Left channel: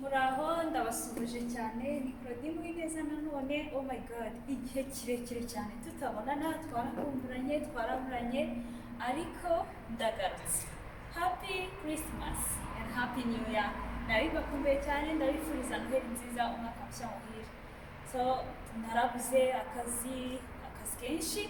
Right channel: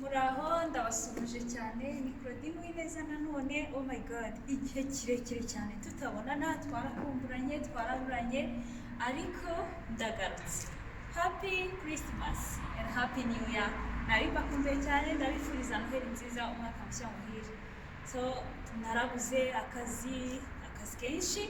Muraho ndabasuhuje cyane ni Claudine Uwineza nanone oh my god igihe kirekire cyane tutabonana twaraburanye ariko ndagarutse happy Christmas and happy new year nabibakumbuye cyane ndabifuriza noheli nziza umwaka mushya muhire so narabuze akazi kenshi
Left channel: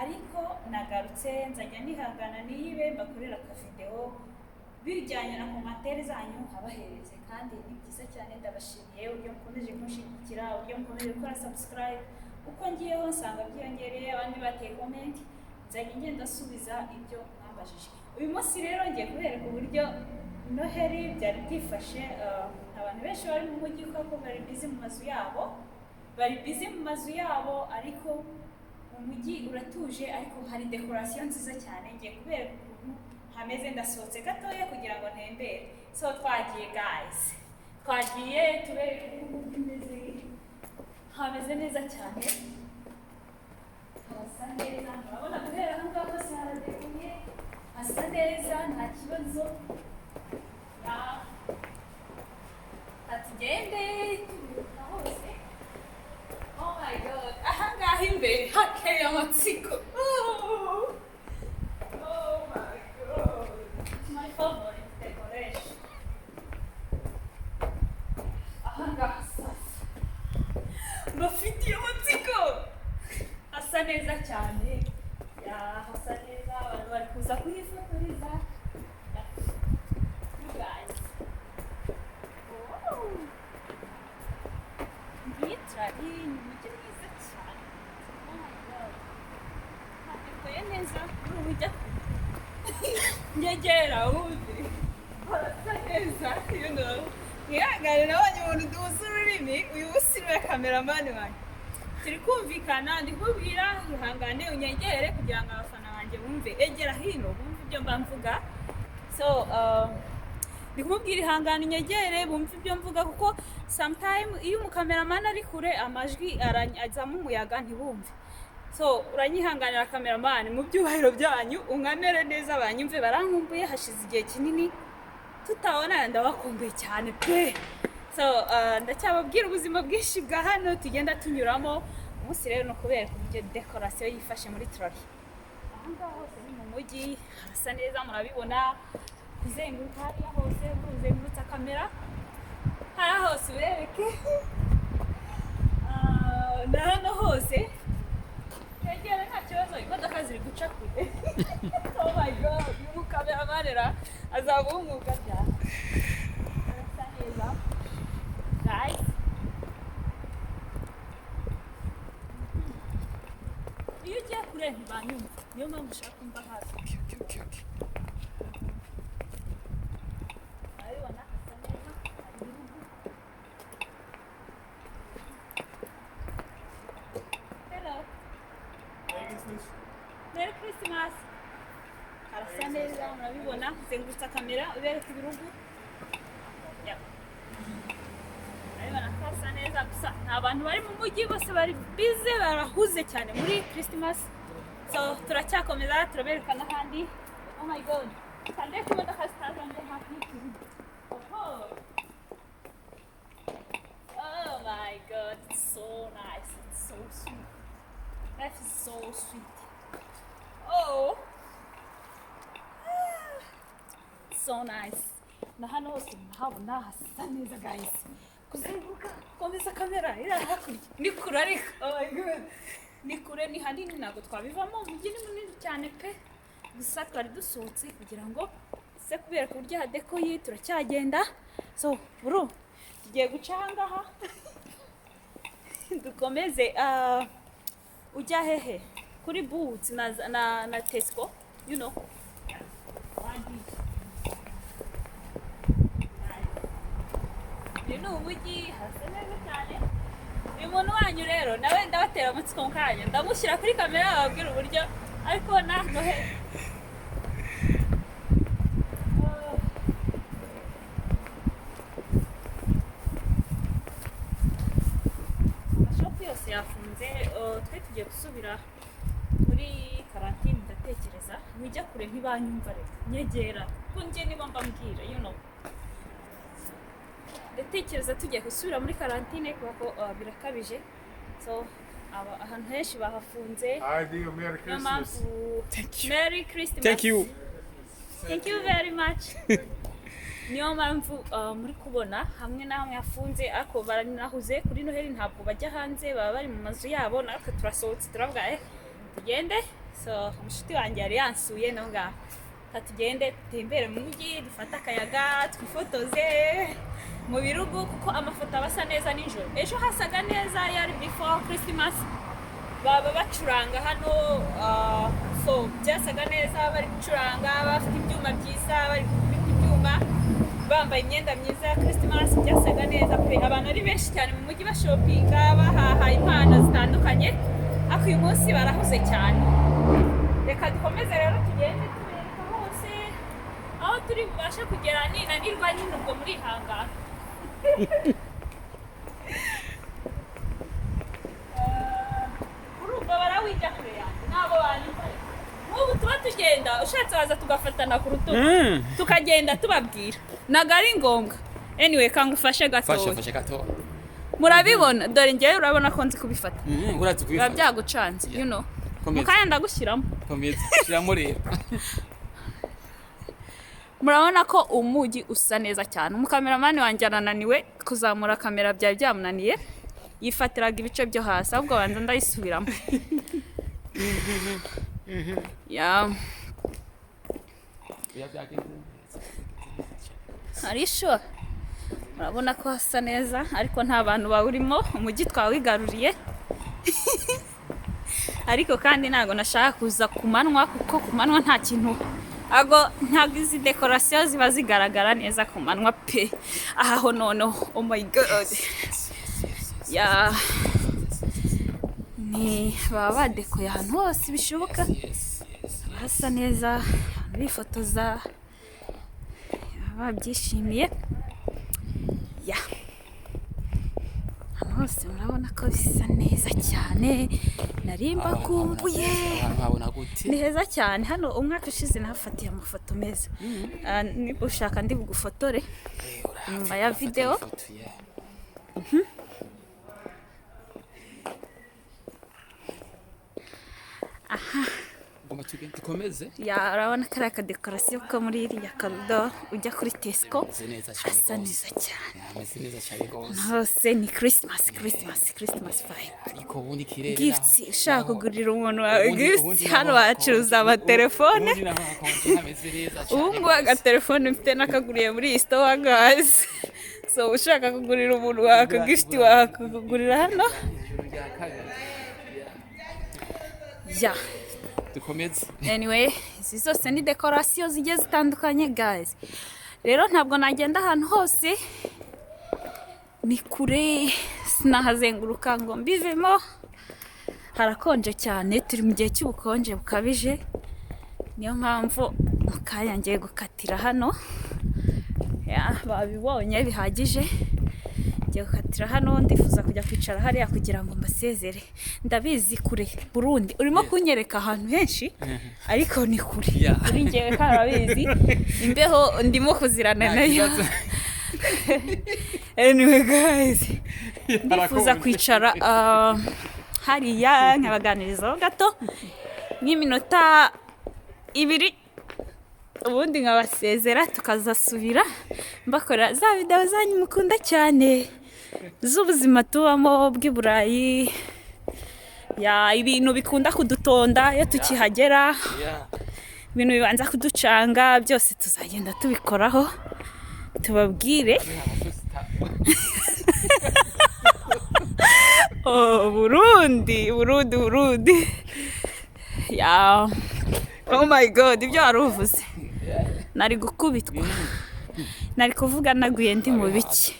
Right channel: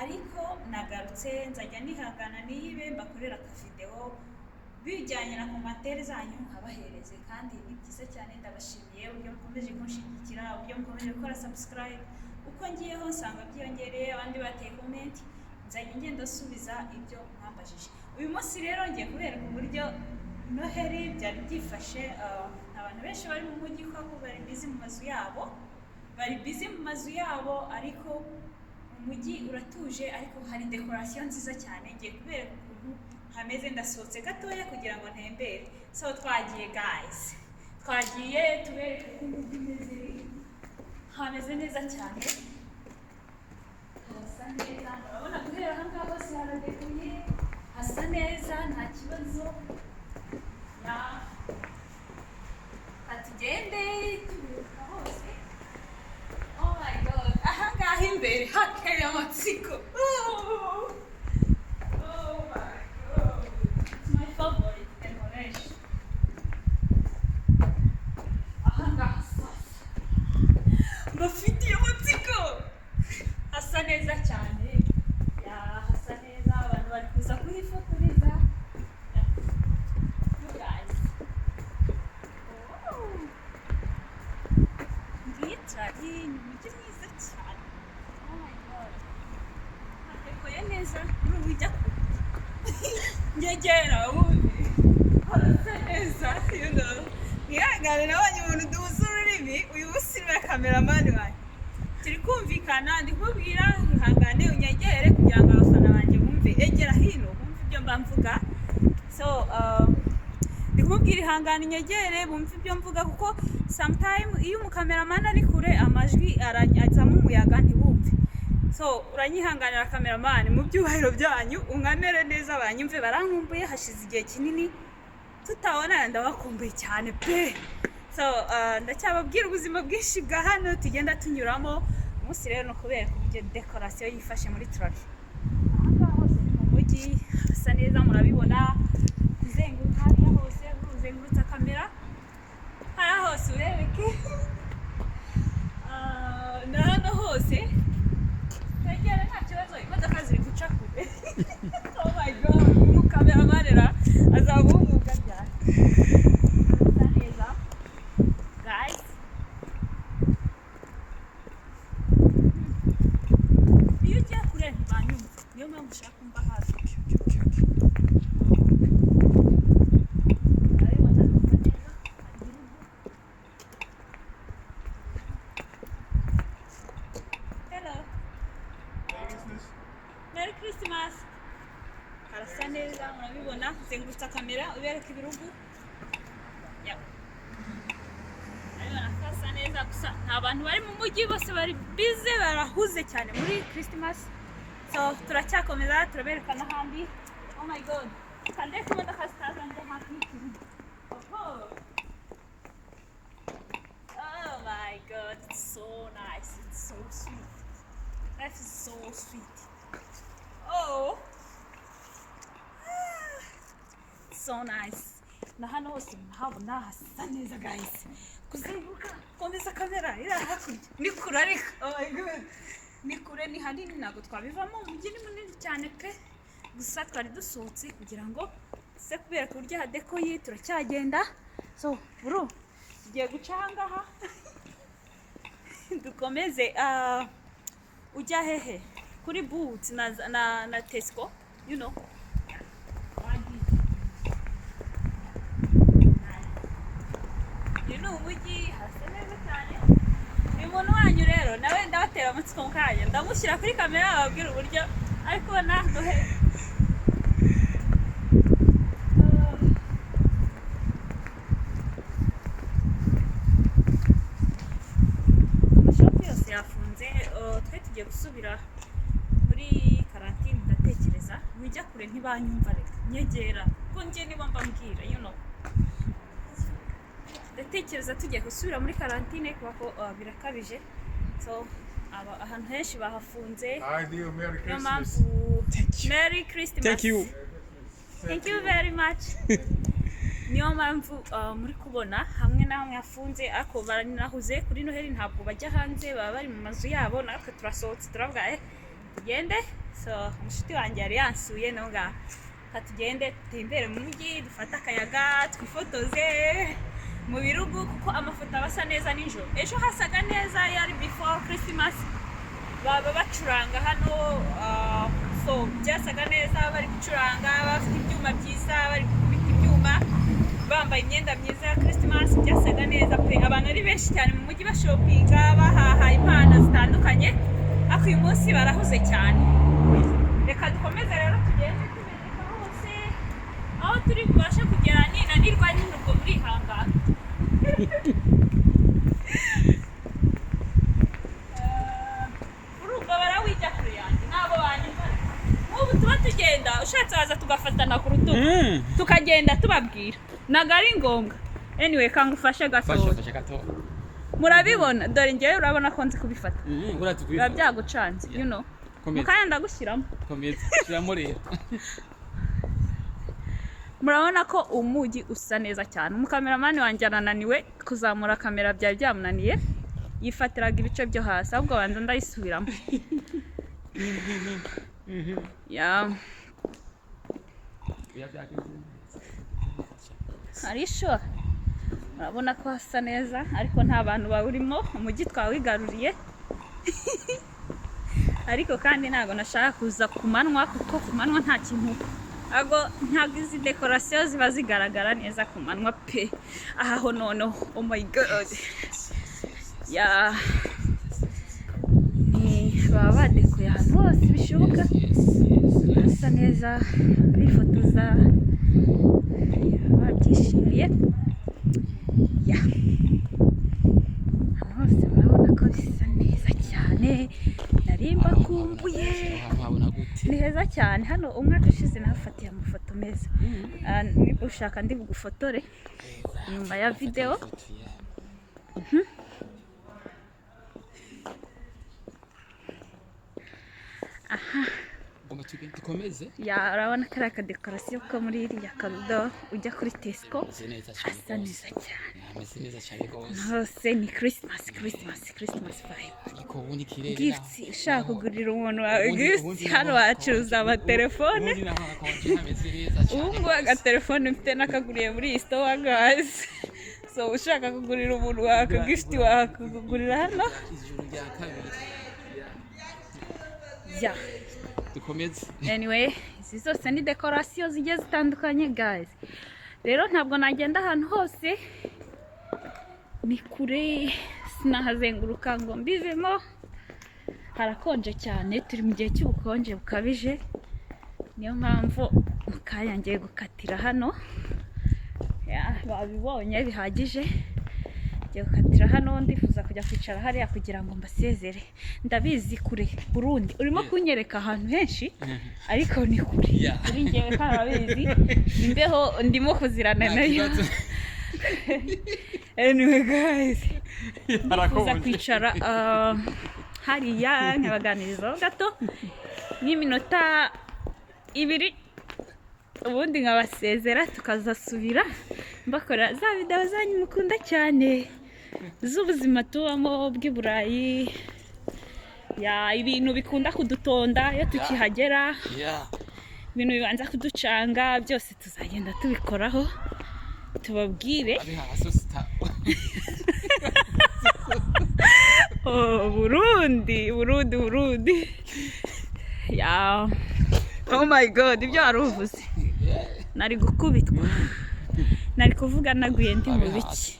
ariko nagarutse nzajya nihangana niyibe mbakorera akavideo bijyanye na komantere zanyu nkabahereze kandi ni byiza cyane ndabashimiye uburyo mukomeje kunshigikira uburyo mukomeje gukora subscribe uko ngiyeho nsanga byiyongereye abandi bateye comment nzajya ngenda asubiza ibyo mwambajije uyu munsi rero ngiye kubereka uburyo noheli byari byifashe abantu benshi bari mu mujyi kuko bari busy mu mazu yabo ariko umujyi uratuje ariko hari decoration nziza cyane ngiye kubereka ukuntu hameze ndasohotse gatoya kugira ngo ntembere so twagiye guys twagiye tubereka ukuntu bimeze hameze neza cyane hasa neza murabona guhera aha ngaha hose haradekoye hasa neza nta kibazo ya atugende turuka hose oh my god aha ngaha imbere hakeye amatsiko bafitiye amatsiko hasa neza cyane hasa neza abantu bari kuza kuhifotoreza ngitari ni umujyi mwiza cyane oh my god hadekoye neza muri ubu ujya nyegera ubundi harasa neza you know mwihangane nabonye umuntu duhuza ururimi uyu munsi niwe kameramani wanjye turi kumvikana ndi kubwira ihangane unyegere kugira ngo abafana banjye bumve egera hino bumve ibyo mba mvuga so ndi kumubwira ihangane unyegere bumve ibyo mvuga kuko sometime iyo umukameramani ari kure amajwi azamo umuyaga ntibumve so uranyihanganira kameramani mu byubahiro byanyu unkamere neza banyumve barankumbuye hashize igihe kinini tutabona ndabakumbuye cyane pe so ndacyababwira ubuzima bwinshi bwa hano tugenda tunyuramo umunsi rero no kubereka uburyo decoration yifashe muri Trolley aha ngaha hose ni mu mujyi hasa neza murabibona kuzenguruka hariya hose uruzengurutsa kamera hariya hose urereke na hano hose tegera nta kibazo imodoka ziri guca kure oh my god umukameramanera azabunguka cyane hasa neza guys iyo ugiye kure ntibanyumva niyo mpamvu ushaka kumva hafi urabibona hasa neza hari urugo hello Merry Christmas harasa neza murabibona zengurutsa kamera ubereka ibirugu hasa neza gusa nta bantu bari mu mujyi bose bari bize barahuze cyane muri Christmas so turacyakomeza turabereka n'ahandi oh my god kandi ku modoka zitazanje hafi y'ikibuga oh my god it's so nice it's so sweet life is so sweet oh so nice na hano hose murahabona hasa neza guys kuzenguruka komeza kamera iri hakurya ni kure ariko oh my god ni kure ni hanini ntabwo twabivamo umujyi ni munini cyane pe gusa twari dusohotse kugira ngo se kubereka uburyo hadekoye turacyagenda so bro tugiye guca aha ngaha dukomeze ujya hehe kuri Boots na Tesco you know ni umujyi hasa neza cyane uyu muntu wanyu rero nawe ndabatera amatsiko mu kanya ndamushyira kuri kamera bababwira uburyo ariko na noheli amashopu yose yafunze twe tugiye gusubira muri karantine ndatekereza wijya kure ntibanyumva reka nyegera kuko njye niba mbambwira you know ndatekereza tugiye gusubira muri karantine kuko birakabije, so ahantu henshi bahafunze. Niyo mpamvu Merry Christmas. Thank you very much. Niyo mpamvu muri kubona hamwe na hamwe hafunze, ariko baranahuze kuri Noheli ntabwo bajya hanze, baba bari mu mazu yabo, natwe turasohotse turavuga tugende. So umushuti wanjye yari yansuye naho ngaho, tugende tutembere mu mujyi, dufate akayaga, twifotoze mu birugu kuko amafoto aba asa neza nijoro. Ejo hasaga neza, yari before Christmas, baba bacuranga hano, so byasaga neza, bari gucuranga bafite ibyuma byiza, bari gukubita ibyuma, bambaye imyenda myiza ya Christmas, byasaga neza pe. Abantu ari benshi cyane mu mujyi bashopinga, bahaha impano zitandukanye, ariko uyu munsi barahuze cyane. Reka dukomeze rero tugende tubereka hose aho turi bubashe kugera, ninanirwa nyine ubwo muri ihangana. Urumva barawijya kure yanjye ntabwo banyumva. Nk'ubu tuba tugenda ushatse waza tugafatana ku rutugu tukagenda tubabwira, ntabwo ari ngombwa. Anyway, kangufashe gato. Murabibona, dore njyewe urabona ko nzi kubifata. Biba byagucanze, you know. Mukanya ndagushyiramo. Shyiramo rero. Murabona ko umujyi usa neza cyane. Umukameramani wanjye arananiwe kuzamura kamera, byari byamunaniye, yifatiraga ibice byo hasi, ahubwo banza ndayisubiramo. Ari sure. Murabona ko hasa neza, ariko nta bantu bawurimo, umujyi twawigaruriye. Ariko kandi ntago nashaka kuza ku manywa, kuko ku manywa nta kintu, ntabwo izi dekorasiyo ziba zigaragara neza ku manywa pe. Aho noneho, oh my god, baba badekoye ahantu hose bishoboka, hasa neza, bifotoza, babyishimiye. Hose murabona ko bisa neza cyane, narimba kumbuye, ni heza cyane. Hano umwaka ushize nahafatiye amafoto meza, niba ushaka ndi bugufotore nyuma ya video. Urabona kariya kadekorasiyo ko muri iriya karudo ujya kuri Tesco, hasa neza cyane. Hose ni Christmas vibe. Gifts, ushaka kugurira umuntu wawe gifts, hano bacuruza amatelefone. Ubu ngubu agatelefone mfite nakaguriye muri iyi store guys. So ushaka kugurira umuntu wawe akagift wakugurira hano. Anyway, izi zose ni dekorasiyo zigiye zitandukanye guys. Rero ntabwo nagenda ahantu hose, ni kure, sinahazenguruka ngo mbivemo, harakonje cyane, turi mu gihe cy'ubukonje bukabije. Niyo mpamvu mukanya ngiye gukatira hano, babibonye bihagije, ngiye gukatira hano, ndifuza kujya kwicara hariya kugira ngo mbasezere. Ndabizi kure Burundi, urimo kunyereka ahantu henshi, ariko ni kure kuri njyewe, karabizi imbeho ndimo kuzirana nayo. Anyway guys, ndifuza kwicara hariya nkabaganirizaho gato n'iminota 2, ubundi nkabasezera tukazasubira mbakora za video zanyu mukunda cyane z'ubuzima tubamo bw'i Burayi, ibintu bikunda kudutonda iyo tukihagera, ibintu bibanza kuducanga, byose tuzagenda tubikoraho tubabwire. Burundi. Oh my god, ibyo waruvuze nari gukubitwa, nari kuvuga naguye ndi mu biki.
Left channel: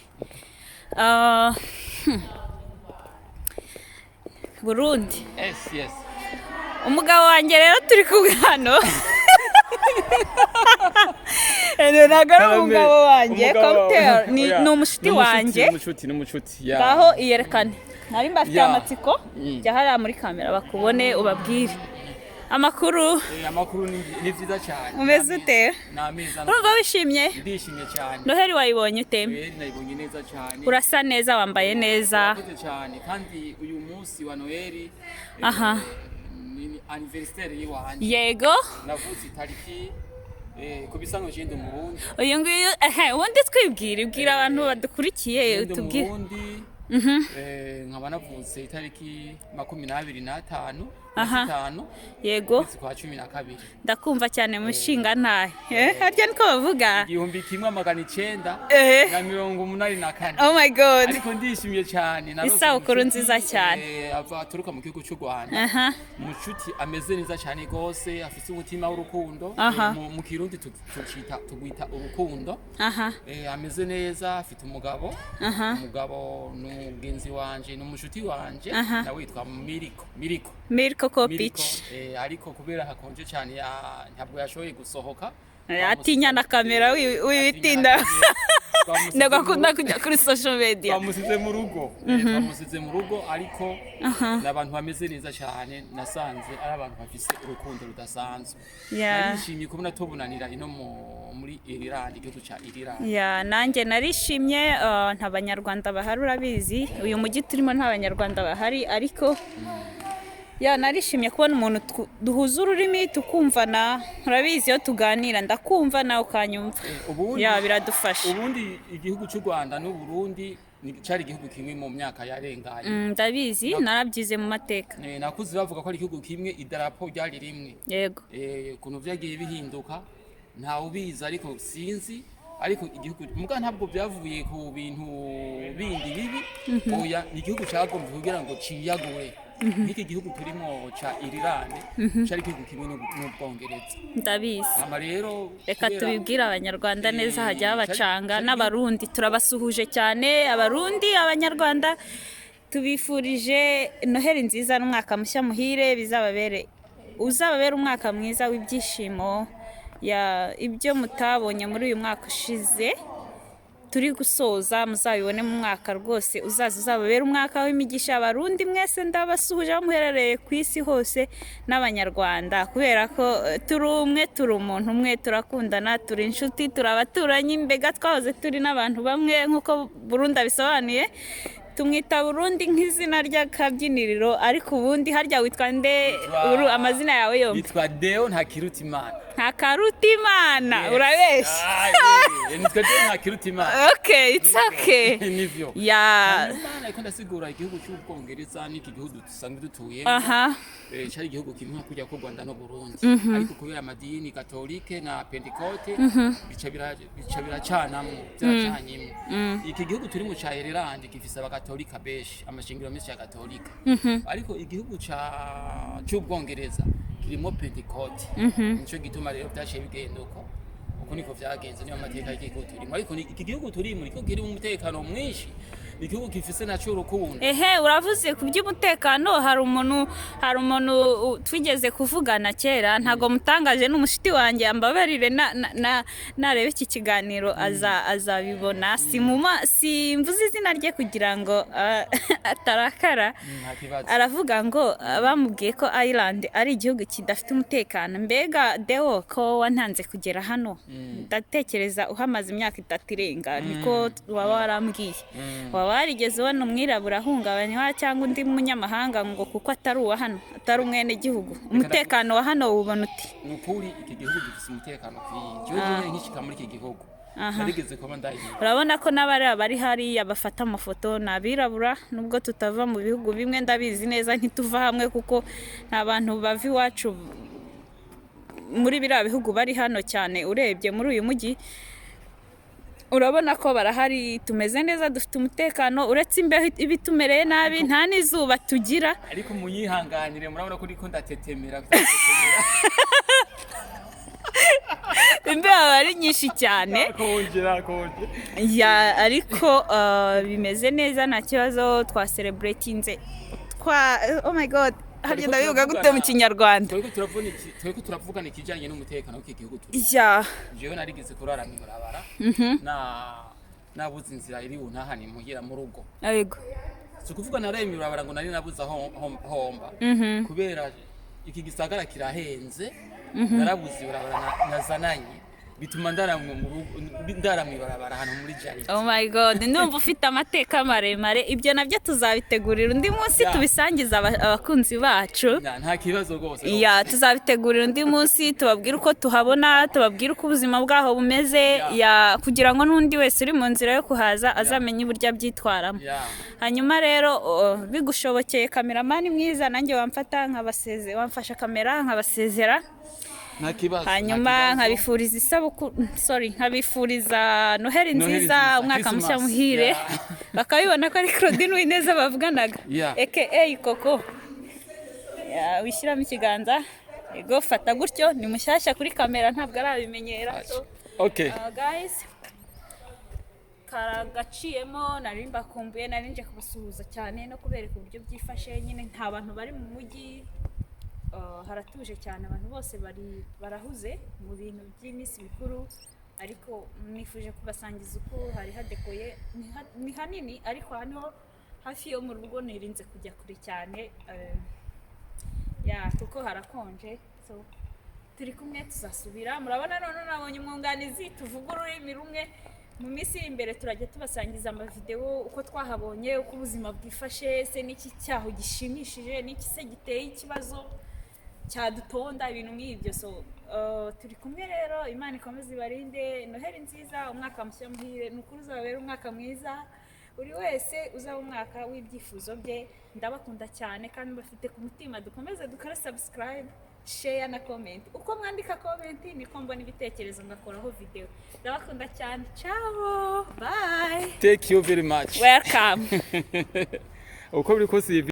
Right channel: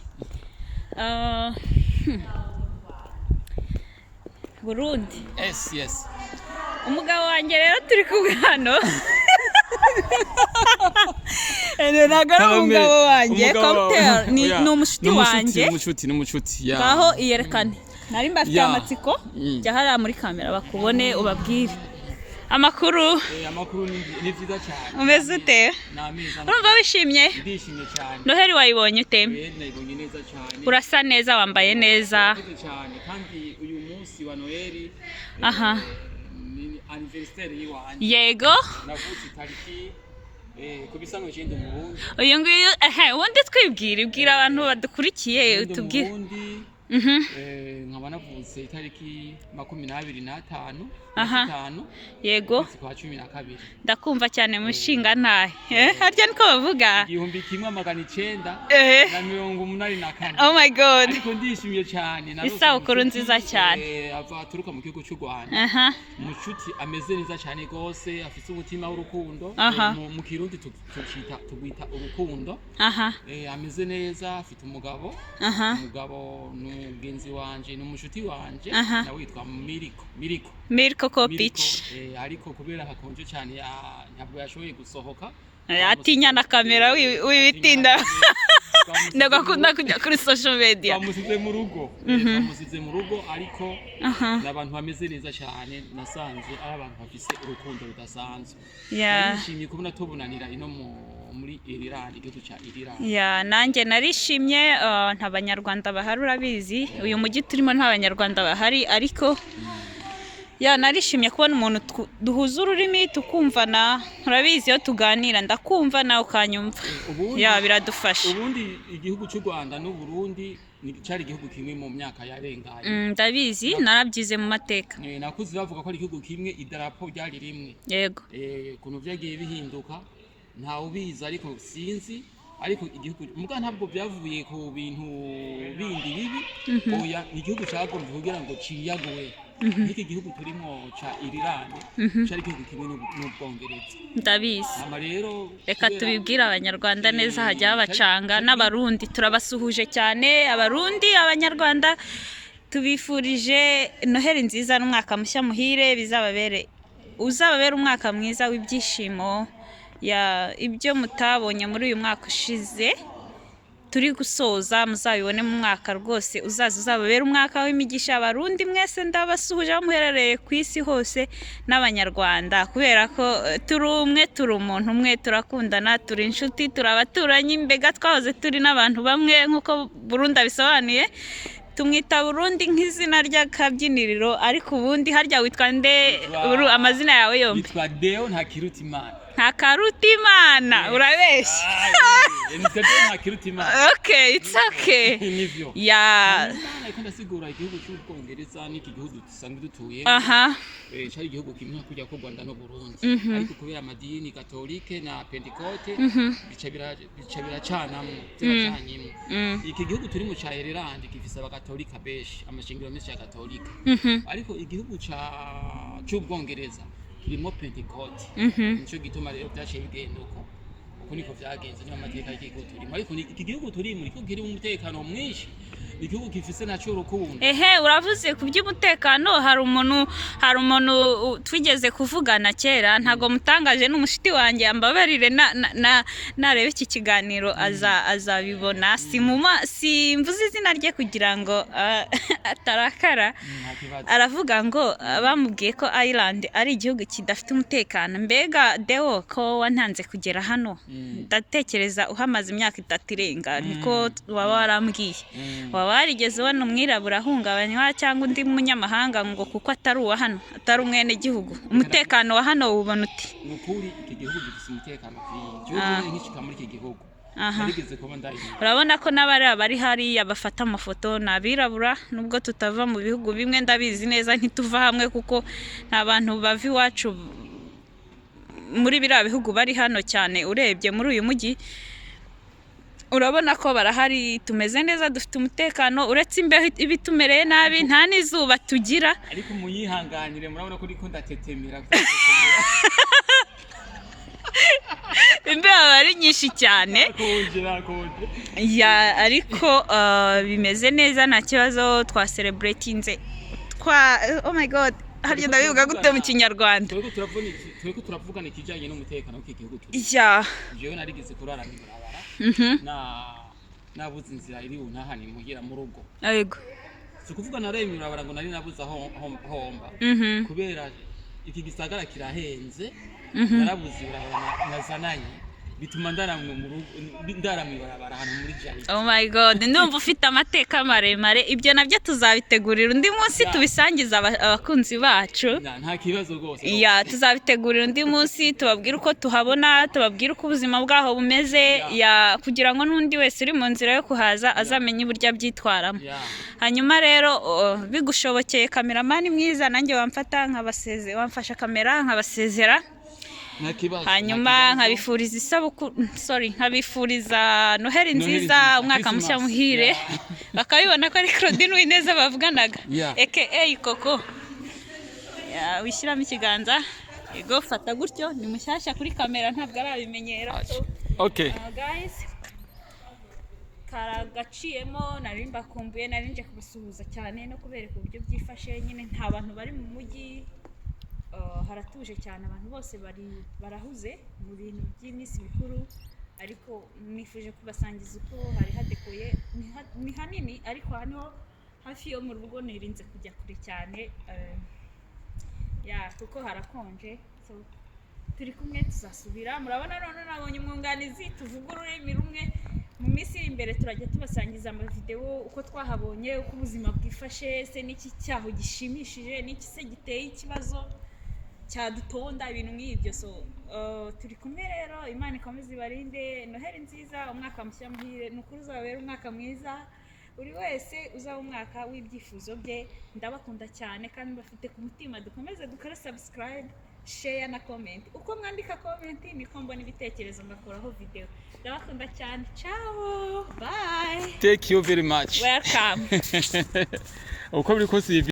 Burundi. Yes. Umugabo wanjye rero turi kumwe hano. Ntabwo ari umugabo wanjye, cocktail ni umushuti wanjye. Ngaho iyerekane. Nari mbafite amatsiko, jya hariya muri kamera bakubone ubabwire. Amakuru amakuru ni vyiza cyane. umeze ute? Nameza. Urumva wishimye? Ndishimye cyane. Noheli wayibonye ute? Nayibonye neza cyane. Urasa neza, wambaye neza. Urakoze cyane kandi uyu munsi wa Noheli Aha. ni anniversaire yiwanje. Yego. Navutse itariki kubisano cyende mu Burundi. Uyu nguyu wundi twibwira abantu badukurikiye tubwire. Nkaba navutse itariki 25 Yego. kwa 12. Ndakumva cyane mushinga ntahe. Harya niko bavuga? 1984. Oh my god. Ariko ndishimye cyane. Isabukuru nziza cyane. Aturuka mu gihugu cy'u Rwanda. Mucuti ameze neza cyane gose, afite umutima w'urukundo. Mu Kirundi tugwita urukundo. Ameze neza, afite umugabo. Umugabo n'umugenzi wanje n'umucuti wanje na witwa Miriko Kopich. Ariko kubera hakonje cyane ntabwo yashoboye gusohoka. Atinya na kamera wibitinda. Ndagakunda kujya kuri social media. Bamusize mu rugo ariko n'abantu bameze neza cyane, nasanze ari abantu bafise urukundo rudasanzwe. Narishimye kubona tubunanira ino muri Ireland, igihugu cya Ireland. Nanjye narishimye, nta banyarwanda bahari urabizi. Uyu mujyi turimo nta banyarwanda bahari ariko narishimye kubona umuntu duhuza ururimi tukumvana, urabizi iyo tuganira ndakumva nawe ukanyumva. Biradufasha. Ubundi igihugu cy'u Rwanda n'u Burundi cyari igihugu kimwe mu myaka yarenganye. Ndabizi, narabyize mu mateka. Nakuze bavuga ko ari igihugu kimwe, idarapo ryari rimwe. Yego. Ukuntu byagiye bihinduka ntawe ubizi ariko sinzi, ariko igihugu muga ntabwo byavuye ku bintu bindi bibi. Oya, ni igihugu cyagombye kugira ngo ciyagowe. Iki gihugu turimo cha Ireland cyari igihugu kimwe n'Ubwongereza. Ndabizi. Rero reka tubibwira abanyarwanda neza, hajya abacanga n'abarundi turabasuhuje cyane. Abarundi, abanyarwanda tubifurije Noheli nziza n'umwaka mushya muhire, uzababere umwaka mwiza w'ibyishimo. Ibyo mutabonye muri uyu mwaka ushize turi gusoza muzabibone mu mwaka rwose uzababera umwaka w'imigisha. Abarundi mwese ndabasuhuje aho muherereye ku isi hose, n'abanyarwanda, kubera ko turi umwe, turi umuntu umwe, turakundana, turi inshuti, turi abaturanyi, mbega twahoze turi n'abantu bamwe nk'uko Burundi abisobanuye. Tumwita Burundi nk'izina ry'akabyiniriro, ariko ubundi harya witwa nde? Amazina yawe yombi? Witwa Deo Ntakirutimana. Ntakirutimana, urabeshya. Nitwa Deo Ntakirutimana. Okay, it's okay. Nivyo. Ariko ndasigura igihugu cy'Ubwongereza n'iki gihugu dusanzwe dutuyemo. Cyari igihugu kimwe kujya ko Rwanda no Burundi. Ariko kubera amadini Katolike na Pentecote bica biracanamo, byaracanyemo. Iki gihugu turi mu cya Ireland gifise abakatolika beshi, amashingiro menshi ya Katolika. Ariko igihugu cy'Ubwongereza kirimo Pentecote. Nico gituma rero byashe bigenda uko niko vyagenze, niyo amateka y'igihugu turimo. Ariko iki gihugu turimo niko kirimo umutekano mwinshi, igihugu gifise naco urukundo. Uravuze ku by'umutekano, hari umuntu twigeze kuvugana kera, ntago mutangaje n'umushiti wanjye, ambabarire narebe iki kiganiro azabibona. Simvuze izina rye kugira ngo atarakara. Aravuga ngo bamubwiye ko Ireland ari igihugu kidafite umutekano. Mbega Deo, ko wantanze kugera hano, ndatekereza uhamaze imyaka 3 irenga, niko waba warambwiye. Warigeze ubona umwirabura ahungabanywa cyangwa undi munyamahanga ngo kuko atari uwa hano, atari umwene gihugu? Umutekano wa hano ubona uti? Nukuri iki gihugu gifite umutekano kwinshi. Nkishika muri iki gihugu narigeze kuba ndayiye. Urabona ko n'abari hariya bafata amafoto n'abirabura, nubwo tutava mu bihugu bimwe, ndabizi neza ntituva hamwe kuko nta bantu bava iwacu muri biriya bihugu bari hano cyane. Urebye muri uyu mujyi urabona ko barahari, tumeze neza, dufite umutekano, uretse imbeho ibitumereye nabi, nta n'izuba tugira. Ariko munyihanganire, murabona ko ndiko ndatetemera. Imbeho ari nyinshi cyane. Ariko bimeze neza, nta kibazo. Twacelebratinze oh my god, harya ndabivuga gute mu Kinyarwanda? Tweko turavugana ikijanye n'umutekano w'iki gihugu turi. Jewe narigeze kurara mu barabara nabuze inzira iri untahani muhira mu rugo. Yego. Kuvuga naraye mu barabara ngo nari nabuze homba kubera iki gisagara kirahenze narabuze ibarabara nazananye bituma ndaramwibarabara hano muri Jari. Oh my god, ndumva ufite amateka maremare. Ibyo nabyo tuzabitegurira undi munsi tubisangiza abakunzi bacu. Nta kibazo rwose. Ya tuzabitegurira undi munsi tubabwira uko tuhabona, tubabwira uko ubuzima bwaho bumeze, ya kugira ngo n'undi wese uri mu nzira yo kuhaza azamenye uburyo abyitwaramo. Hanyuma rero bigushobokeye kameramani mwiza nanjye wamfata wamfasha kamera nkabasezera. Hanyuma nkabifuriza nkabifuriza Noheli nziza, umwaka mushya muhire. Bakabibona ko ari Claudine Uwineza bavuganaga aka Koko. Wishyiramo ikiganza ego fata gutyo, ni mushyashya kuri kamera ntabwo arabimenyera. Okay guys, karagaciyemo nari mbakumbuye, nari nje kubasuhuza cyane no kubereka uburyo byifashe. Nyine nta bantu bari mu mujyi, haratuje cyane, abantu bose barahuze mu bintu by'iminsi mikuru, ariko nifuje kubasangiza uko hari hadekoye. Ni hanini ariko hano hafi yo mu rugo nirinze kujya kure cyane kuko harakonje. So turi kumwe tuzasubira, murabona none nabonye umwunganizi tuvuga ururimi rumwe. Mu minsi iri imbere turajya tubasangiza amavideo uko twahabonye, uko ubuzima bwifashe, se n'iki cyaho gishimishije, n'iki se giteye ikibazo cyadutonda, ibintu nk'ibyo. So turi kumwe rero, Imana ikomeze ibarinde. Noheli nziza, umwaka mushya muhire. Nukuri uzabera umwaka mwiza, buri wese uzaba umwaka w'ibyifuzo bye. Ndabakunda cyane kandi bafite ku mutima. Dukomeze dukore subscribe, share na comment. Uko mwandika comment niko mbona ibitekerezo ngakoraho video. Ndabakunda cyane. Ciao, bye, thank you very much, welcome. uko biri kose